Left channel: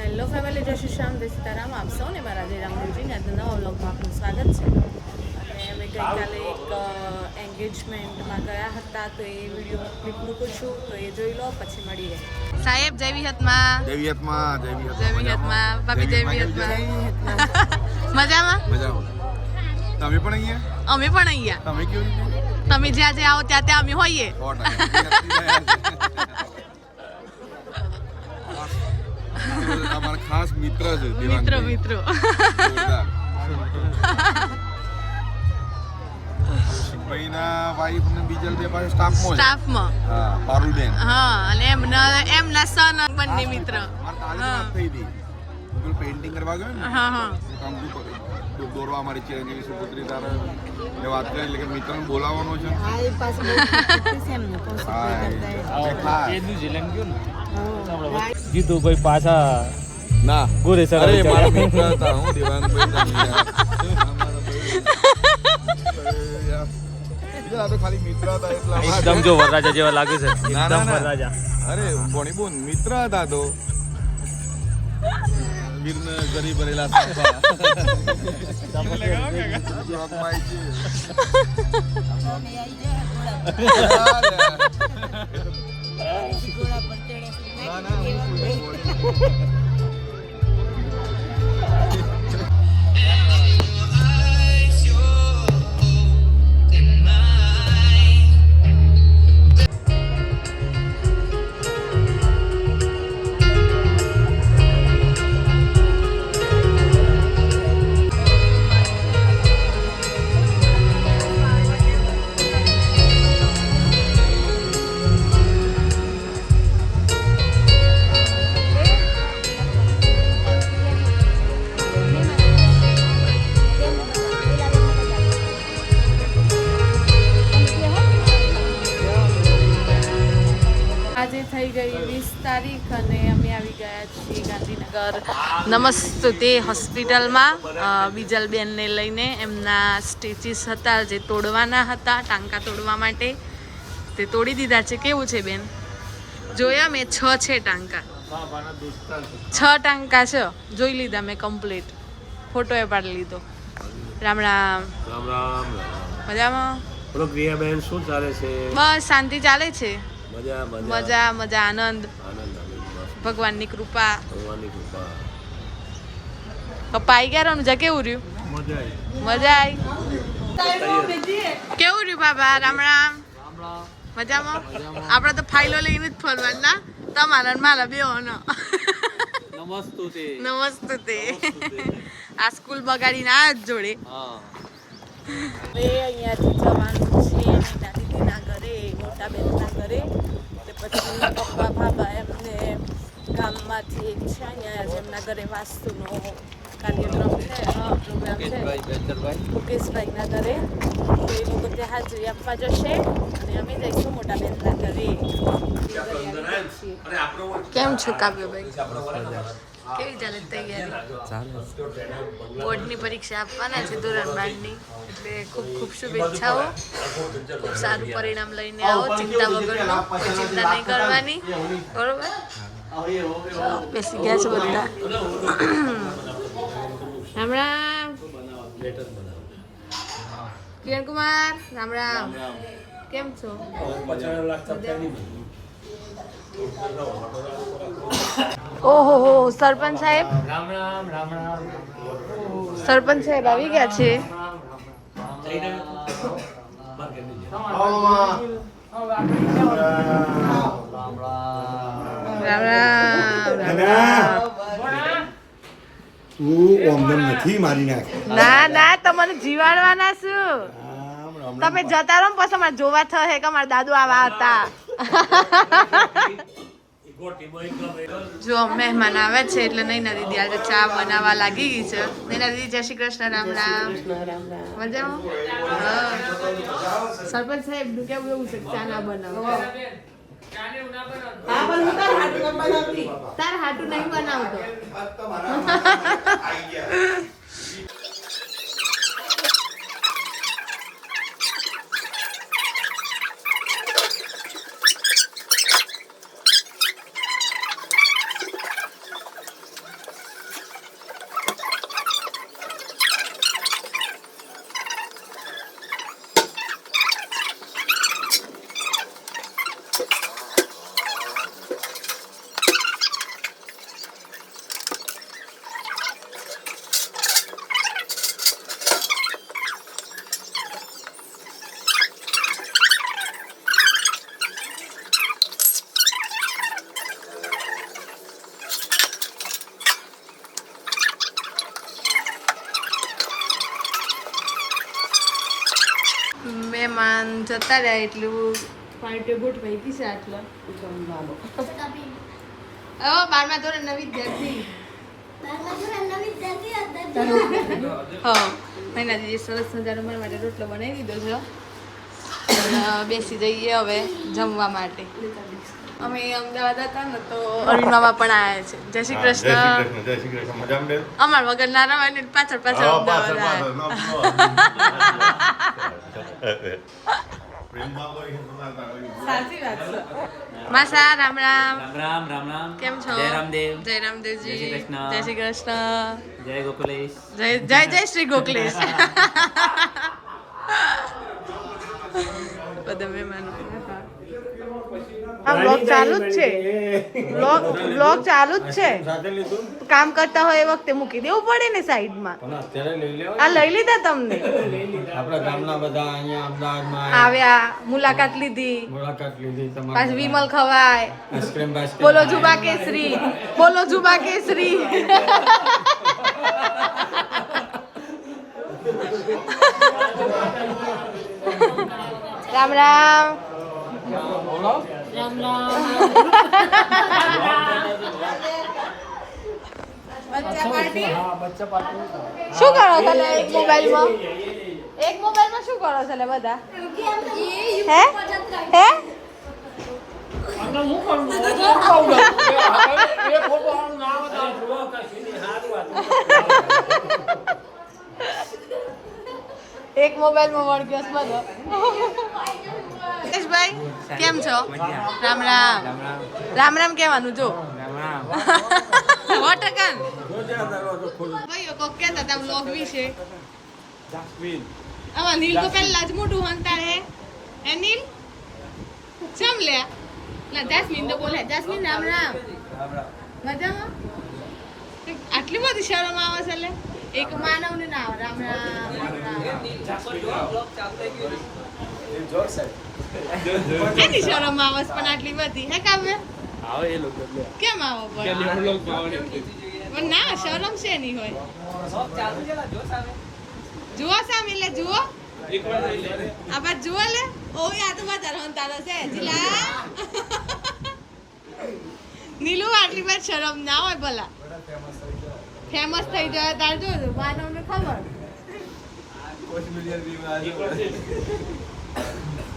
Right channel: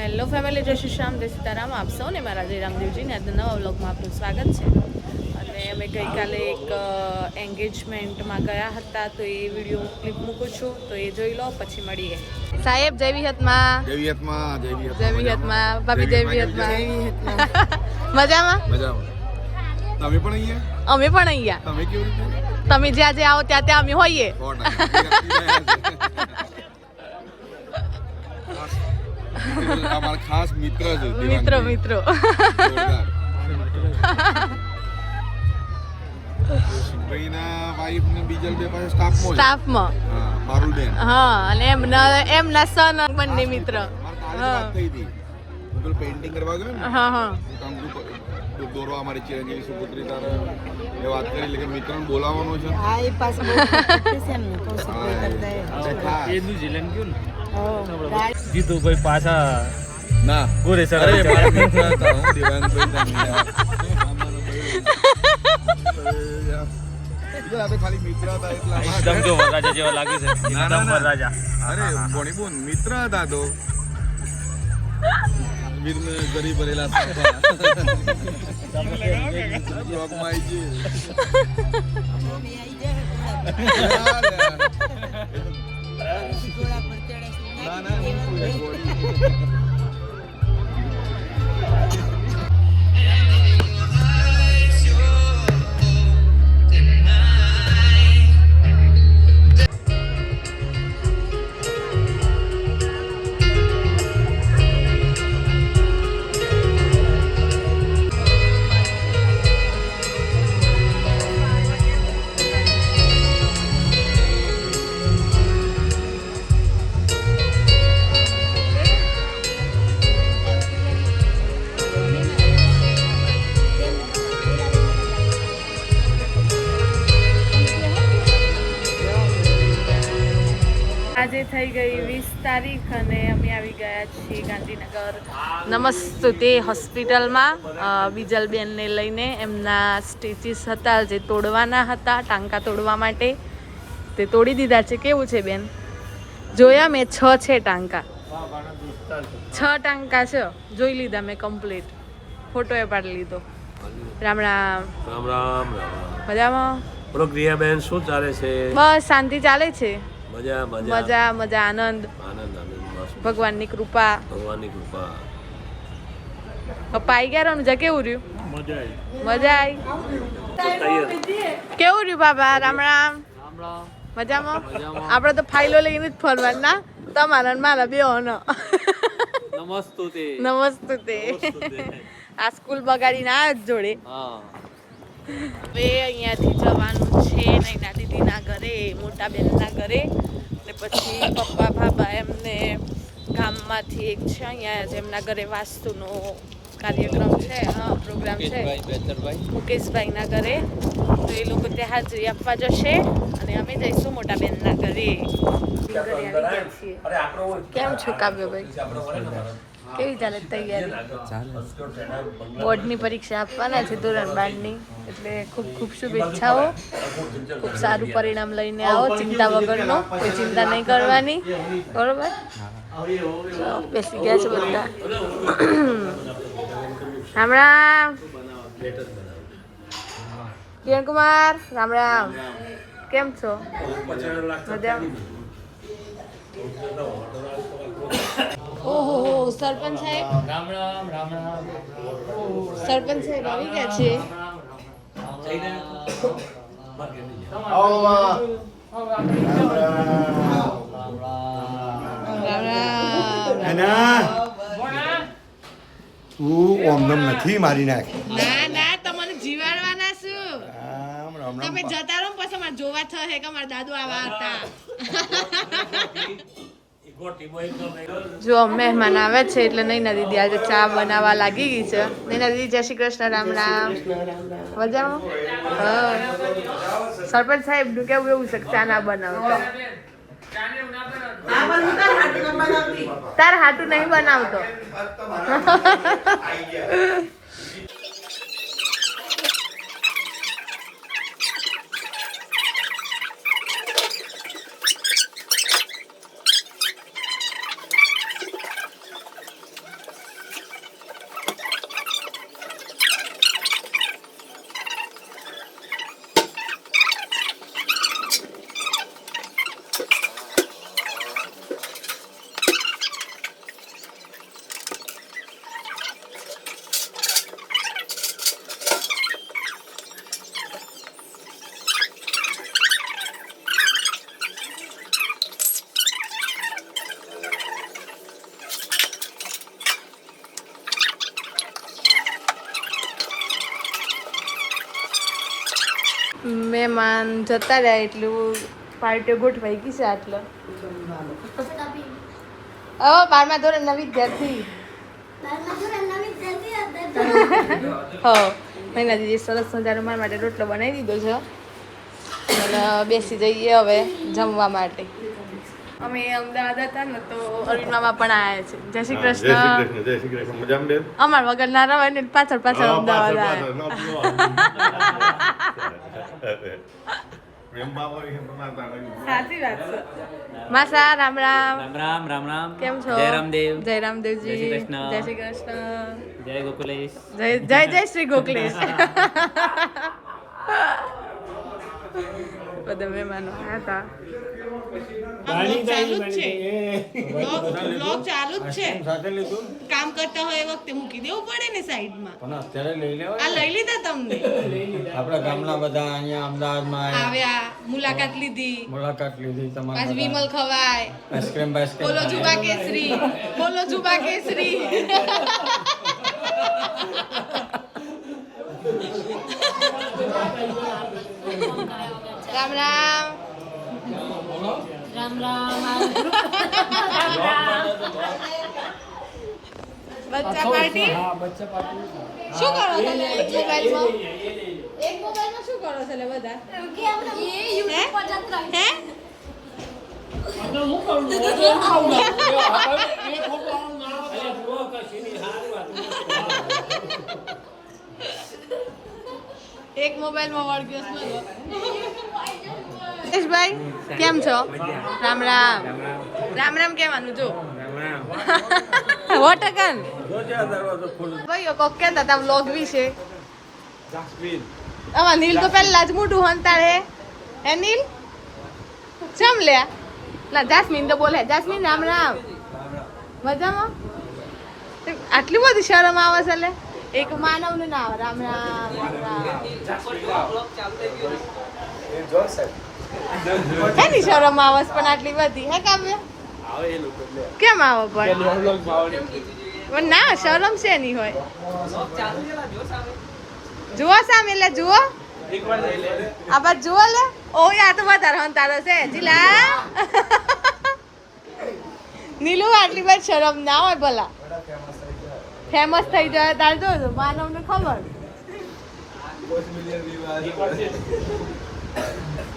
Hello family, જય શ્રી શ્યામ, જય સીતારામ. આપ સૌને મારા જય રામદેવજીને આજના નવા વ્લોગમાં આપનું સ્વાગત છે. અને અમે ગઈકાલે એક એન્ગેજમેન્ટમાં ગયા હતા, તો એ વિડીયો ક્લિપ મૂકું છું, તો એ જોઈ લો, પછી મળીએ. સાહેબ જય વિહતમાં. જય વિહતમાં. ભાભી જય વિહતમાં. મજામાં? તમે પણ અહીંયા? અમે પણ અહીંયા. તમે કેવી રીતે? તમે જ્યાં જ્યાં આવો ત્યાં ત્યાં અમે હોઈએ. અમારા ખાસ મિત્ર છે. મિત્રો શિવભાઈના વાઈફ ને બીજા બે પાસે સ્ટાફમાં હા પારુલબેન. હા, અને એમના સન બંને મિત્ર. વાત થઈ હતી પેઇન્ટિંગ કરવા ગયો ને. હા દોરવા અમારી ચિરંજીવી સુપુત્રી તારે એ વાત કરી એટલે કે મિત્રને બોલાવવાનો છે. જીતુભાઈ પાછા ના ગોરે સર અરે ખાલી મિત્ર હતા એકદમ જો વરરાજા જેવા લાગે છે. એકદમ વરરાજા. અરે બોની બોન મિત્ર હતા તો વીરને ગરીબ ભરેલા સાપા બ્લોગમાં આવી આજે થઈ ગઈ 20 તારીખ અને અમે આવી ગયા છીએ ગાંધીનગર નમસ્તે હોસ્પિટલમાં બીજલબેનને લઈને. એમના સ્ટીચીસ હતા જે તોડવાના હતા, ટાંકા તોડવા માટે, તે તોડી દીધા છે. કેવું છે બેન? જોયા મેં 6 છે ટાંકા, 6 ટાંકા છે, જોઈ લીધા મેં કમ્પ્લીટ, ફોટો એ પાડી લીધો. રામ રામ. રામ રામ. મજામાં? બોલો ક્રિયાબેન, શું ચાલે છે? બસ શાંતિ ચાલે છે. મજા આનંદ. ભગવાનની કૃપા. પપ્પા આવી ગયા રણુજા. કેવું રહ્યું? મજા આવી. કેવું રહ્યું બાબા? રામ રામ. મજામાં? આપણે તો ફાઇલો લઈને જ ફરવાનું ના, તમારા ને મારા બે નમસ્તે. આ સ્કૂલ બગાડીને આ જ જોડે. હવે અહીંયાથી જવાનું છે નૈના દીદીના ઘરે, મોટા બેનના ઘરે, ને પછી પપ્પા ભાભા એમને ગામમાંથી એક છે અહીંયા જેમના ઘરે વાસ્તુનો કાર્યક્રમ છે, હા પ્રોગ્રામ છે, મુકેશભાઈના ઘરે, તો એ લોકો ત્યાં હાજરી આપવા જશે અને અમે જઈશું મોટા બેનના ઘરે. કેમ છો કાવ્યભાઈ? કેવી ચાલે તૈયારી? બોર્ડની પરીક્ષા આપવાના છે ધોરણ 12ની, એટલે ખૂબ ખૂબ શુભેચ્છાઓ. ખૂબ સારું પરિણામ લઈને આવો, ચિંતા વગરનો, કોઈ ચિંતા નહીં કરવાની, બરોબર? બેસી ગયા છે બધા. રામ રામ. કિરણ કુમાર, રામ રામ. કેમ છો? ઓહો હો, સરપંચ સાહેબ. સરપંચ સાહેબ આવી ગયા છે. રામ રામ. નથી મારી નાખ. ના તમને જીવાડવાના છું. તમે જતા રહો પછી અમારે જોવા થશે કે અમારા દાદુ આવા હતા. જો મહેમાન આવે છે એટલે નૈના દીદી આજે ચા બનાવવા લાગી ગઈ છે. નૈના દીદી જય શ્રી કૃષ્ણ. રામ રામ. મજામાં? હા. સરપંચ સાહેબ નું કેવું એવું છે ચા ના બનાવતો? તાર હાટું નહીં બનાવતો. મહેમાન જતા રહ્યા એટલું પાર્ટીઓ ગોઠવાઈ ગઈ છે આટલે. હવે 12મા ધોરણ નવી વિદ્યાર્થી. હા મહિના દીદી સરસ મજાનો મારા માટે રોટલો બનાવી દીધો છે અને બેસી જઈએ હવે જમવા માટે. અમે અમદાવાદ હતા ને તો અરવિંદ મામા પણ આવ્યા છે. જય શ્રી કૃષ્ણ. જય શ્રી કૃષ્ણ. મજામાં? અમાર વગર ના રવાય ને પાછળ પાછળ અમદાવાદ આવ્યા. સાચી વાત છે. માસા રામ રામ. રામ રામ રામ. કેમ છો? જય રામદેવ. જય રામદેવજી. જય શ્રી કૃષ્ણ. જય શ્રી કૃષ્ણ. જય ગોકુલેશ. જય જય જય શ્રી ગોકલેશ. બધા મહેમાનો આવ્યા હતા. આ બ્લોગ ચાલુ જ છે. બ્લોગ ચાલુ જ છે. કામ કરતા હોય એ વખતે મૂકી દેવું પડે ને સાઈડમાં. આ લઈ લીધા તમને? આપણા ગામના બધા અહીંયા અમદાવાદમાં આવ્યા, મુલાકાત લીધી, પાછું વિમલ ખવાય. આઈસ્ક્રીમ બોલો જુબા કેસરી, બોલો જુબા કેસરી. રામ રામ. બચ્ચા પાર્ટી શું કરો છો લે? એક મોબાઈલમાં શું કરો છો લે બધા? હે હે એક મોબાઈલમાં વળગ્યો છે બધો. ભાઈ કેમ છો? રામ રામ. રામ રામ કહેવાનું જો. વોટકન ભાઈઓ કોક કહેતા હતા વ્લોગ વિશે. આમાં નીલ તો પહેલા જ મોટું હંતાડે. હે નીલ ચમ લે લા જાસ્મીન તો બોલે. જાસ્મીન રામ રામ. મજામાં? આટલી બધી શરમ આવે છે લે? એક માનવ ને ના આવે. રામ રામ. એની શરમ આવે પણ આટલી બધી હે કાવ્ય? કેમ આવો પણ ના શરમ છે નહીં હોય. જુઓ સામે લે જુઓ. આ બાદ જુઓ લે. ઓ આ તો વધારે હંતારો છે જીલા. નીલુ આટલી બધી શરમ ના હોય ભલા. ફેમસ થઈ જાય તાર જો માનવને ખબર.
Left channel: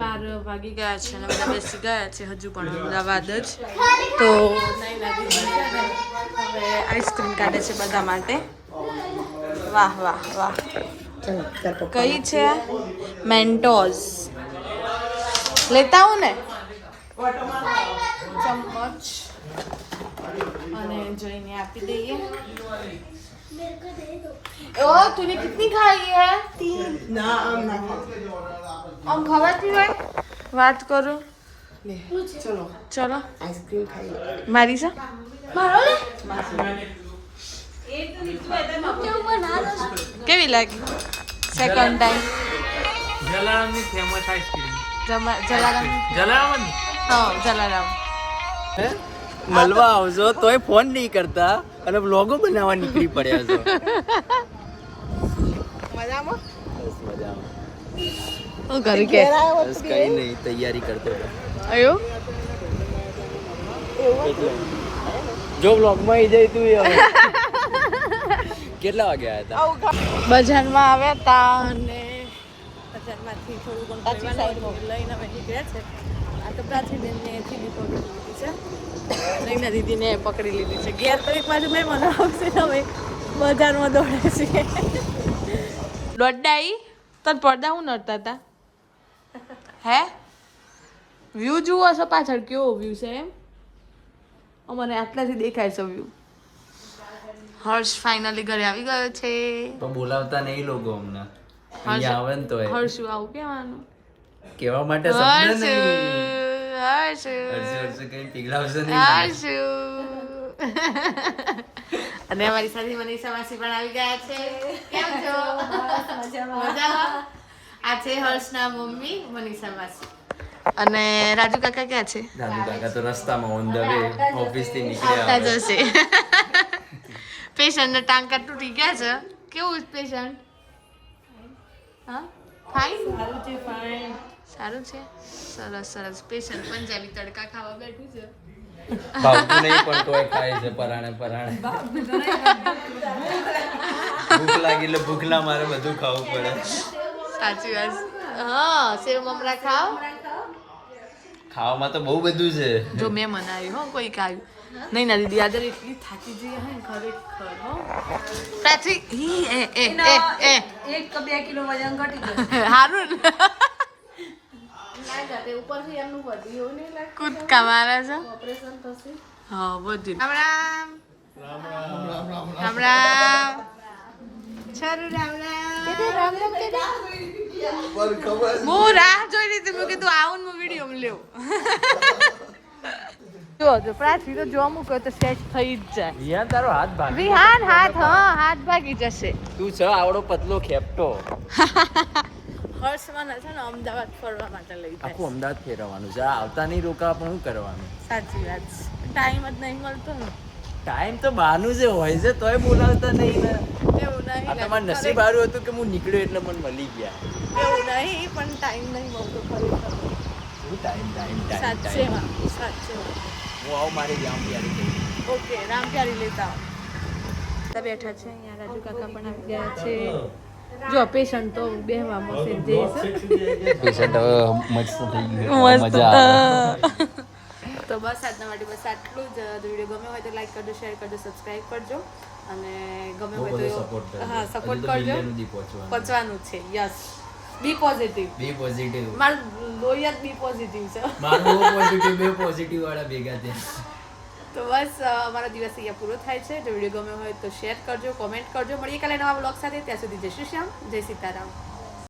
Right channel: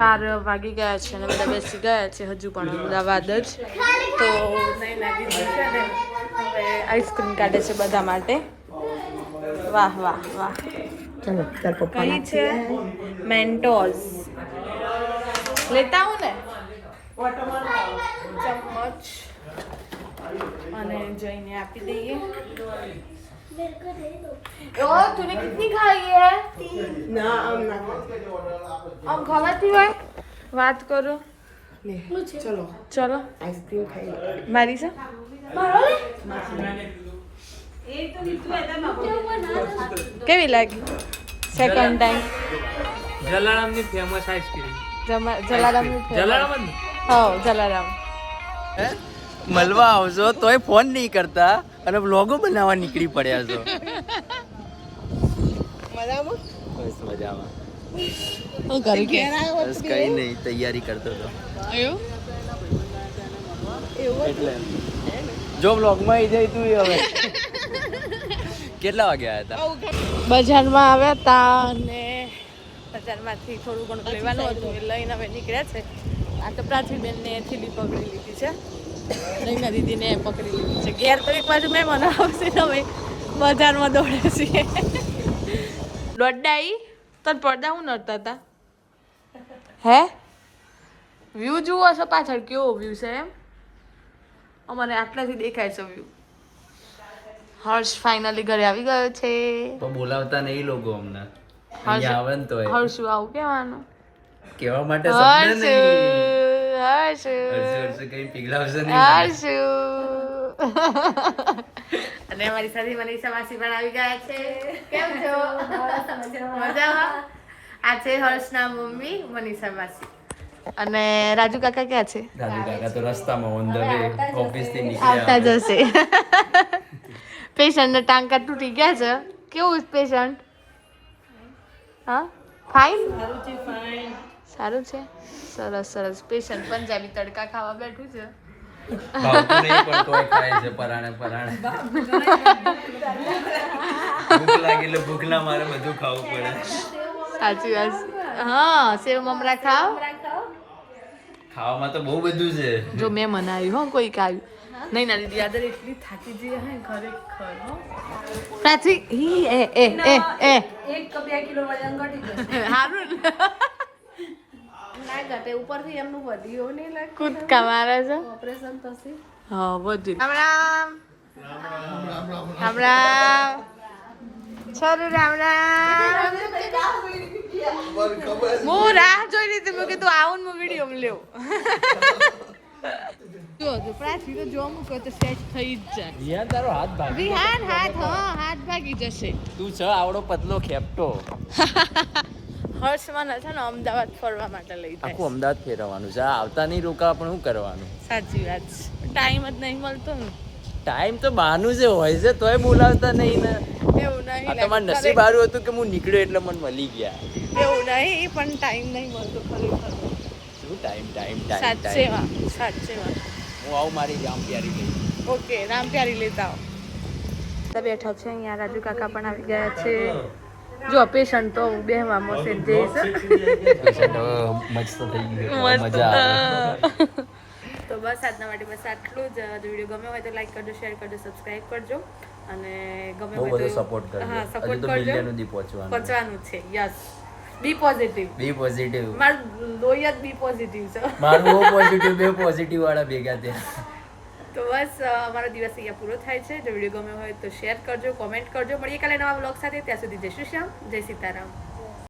4 વાગી ગયા છે અને બધા બેસી ગયા છે. હજુ પણ અમદાવાદ જ. તો નૈના દીદી છે ને હવે આઈસ્ક્રીમ કાઢે છે બધા માટે. વાહ વાહ વાહ. કઈ છે? મેન્ટોઝ લેતા આવું ને. ચમચ અને જોઈને આપી દઈએ. ओ तूने कितनी खाई है? 3 ना हम खवाती है. बात करो ले चलो चलो आइसक्रीम खाइए मारी सा કેવી લાગી? સેકન્ડ ટાઈમ જલારામની ફેમસ આઈસ્ક્રીમ. જલારામ. હા જલારામ. મળવા આવજો તોય ફોન નહીં કરતા અને વ્લોગો બનાવવા નીકળી પડ્યા છો. મજામાં? બસ મજામાં. હું કરું કે બસ કઈ નહીં તૈયારી કરતો હતો. અયો જો વ્લોગમાં આવી જાય તું કેટલા વાગે આવ્યા હતા? બજારમાં આવ્યા હતા અને બજારમાંથી થોડું ઘણું લેવાનું હતું લઈને હવે નીકળ્યા છે. આ તો પ્રાચીબેનને થીલી પકડી લીધી છે. નૈના દીદીને પકડી લીધી છે. ઘેર તો એક બાજુ મહેમાનો આવશે ને હવે બજારમાં દોડે છે. દોડાઈ તને પડદા હું નડતા હતા હે? વ્યૂ જુઓ છો પાછળ કેવો વ્યૂ છે એમ? અમારે આટલાથી દેખાય છે વ્યૂ. હર્ષ ફાઇનલી ઘરે આવી ગયો છે. તો બોલાવતા નહીં લોકો અમને. હર્ષ આવે ને તો હર્ષુ આવું કહેવાનું કેવા માટે હર્ષ હર્ષ કઈ પીગળાવશે હર્ષુ. અને અમારી સાથે મનીષા માસી પણ આવી ગયા છે. કેમ છો? મજામાં. આ છે હર્ષના મમ્મી મનીષા માસી. અને રાજુ કાકા ક્યાં છે? દાદુ કાકા તો રસ્તામાં ઓન ધ વે ઓફિસ થી આવતા નીકળ્યા. જશે. પેશન્ટના ટાંકા તૂટી ગયા છે. કેવું પેશન્ટ? હા ફાઇન સારું છે સરસ સરસ પેશન્ટ પંજાબી તડકા ખાવા બેઠું છે ભાવતું નહીં પણ તોય ખાય છે પરાણે પરાણે ભૂખ લાગી એટલે ભૂખ ના મારે બધું ખાવું પડે સાચી વાત હા સેવ મમરા ખાવ ખાવામાં તો બહુ બધું છે જો મેં મનાવ્યું હો કોઈ આવ્યું નહીં ના દીદી આજે એટલી થાકી જઈએ હે ખરેખર હો સાચી હી એ એ એ એ 1-2 કિલો વજન ઘટી જશે હારું ને કૂદકા મારે છે હા બધું રામ રામ રામ રામ છોરું રામ રામ હું રાહ જોઈ રહી હતી મેં કીધું આવું ને વિડીયો લેવું જો જો પ્રાચી તો જો મૂકો તો સેટ થઈ જ જાય યાર તારો હાથ ભાગ વિહાન હાથ ભાગી જશે તું છે આવડો પતલો ખેપટો હર્ષમાં છે ને અમદાવાદ ફરવા માટે લઈ જાય આખું અમદાવાદ ફેરવવાનું છે આવતા નહીં રોકા પણ શું કરવાનું સાચી વાત છે ટાઈમ જ નહીં મળતો ને ટાઈમ તો બહારનું જે હોય છે તોય બોલાવતા નહીં ને એવું નહીં આ તમારું નસીબ સારું હતું કે હું નીકળ્યો એટલે મને મળી ગયા એવું નહીં પણ ટાઈમ નહીં મળતો ખરેખર શું ટાઈમ સાચેમાં હું આવું મારી ગામ પ્યારી ગઈ ઓકે રામ પ્યારી લેતા આવો બેઠા છે અહીંયા રાજુ કાકા પણ આવી ગયા છે જો પેશન્ટ તો બેહવા મોસે જઈશ પેશન્ટ મસ્ત થઈ ગયું મસ્ત મજા આવે તો બસ આજના માટે બસ આટલું જ વિડીયો ગમ્યો હોય તો લાઈક કરજો શેર કરજો સબસ્ક્રાઇબ કરજો અને ગમે બહુ હોય બધો તો સપોર્ટ કરજો હા સપોર્ટ હજુ તો કરજો મિલિયન સુધી પહોંચવાનું પહોંચવાનું છે yes B positive B positive મારું લોહી જ બી પોઝિટિવ છે મારું બહુ પોઝિટિવ બે પોઝિટિવ વાળા ભેગા થયા તો બસ અમારો દિવસ અહીંયા પૂરો થાય છે જો વિડીયો ગમ્યો હોય તો શેર કરજો કોમેન્ટ કરજો મળીએ કાલે નવા બ્લોગ સાથે ત્યાં સુધી જય શ્રી શ્યામ જય સીતારામ